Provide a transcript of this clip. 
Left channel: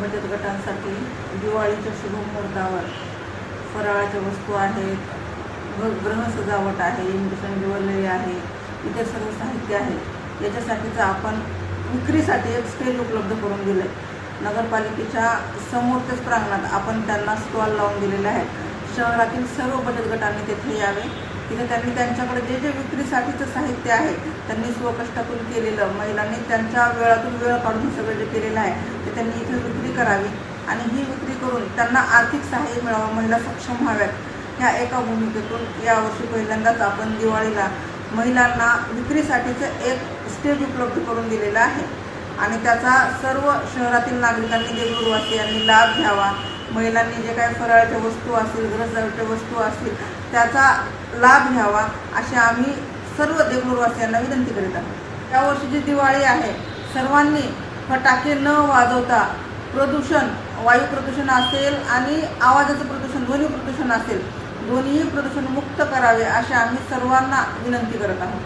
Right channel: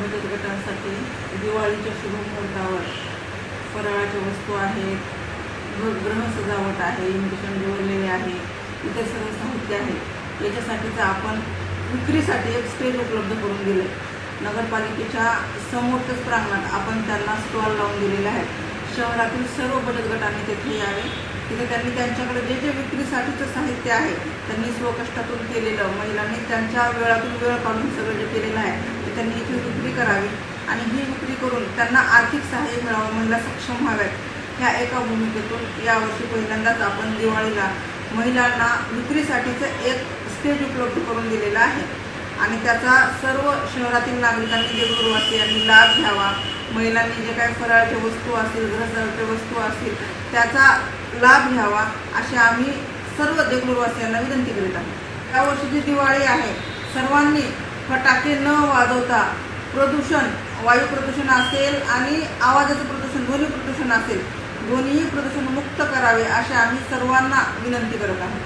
बचत गटांसाठी दिवाळीच्या शुभमुहूर्तावर फराळाच्या वस्तू आहेत ग- सजावट आहे इंजेक्शन निवडलेले आहे इतर सर्व साहित्य आहे. याच्यासाठीचं आपण विक्रीसाठी एक स्टेज उपलब्ध करून दिलं आहे नगरपालिकेच्या समोरच्याच प्रांगणात आपण त्यांना स्टॉल लावून दिलेले आहेत. शहरातील सर्व बचत गटांनी तेथे यावे. तिथे त्यांनी त्यांच्याकडे जे जे विक्रीसाठीचं साहित्य आहे त्यांनी स्वकष्टातून केलेलं महिलांनी त्यांच्या वेळातून वेळ काढून सगळं जे केलेलं आहे ते त्यांनी इथे विक्री करावी. आणि ही विक्री करून त्यांना आर्थिक सहाय्य मिळावं महिला सक्षम व्हाव्यात. ह्या एका भूमिकेतून यावर्षी पहिल्यांदाच आपण दिवाळीला महिलांना विक्रीसाठीचं एक स्टेज उपलब्ध करून दिलेलं आहे. आणि त्याचा सर्व शहरातील नागरिकांनी जे देगलूरवासियांनी लाभ घ्यावा. महिलांनी जे काही फराळाच्या वस्तू असतील गृहसाहित्य वस्तू असतील त्याचा लाभ घ्यावा अशी आम्ही सर्व देगलूरवासियांना विनंती करीत आहोत. यावर्षी जी दिवाळी आहे सर्वांनी फटाके न वाजवता प्रदूषण वायू प्रदूषण असेल आणि आवाजाचं प्रदूषण ध्वनी प्रदूषण असेल दोन्हीही प्रदूषण मुक्त करावे अशी आम्ही सर्वांना विनंती करत आहोत.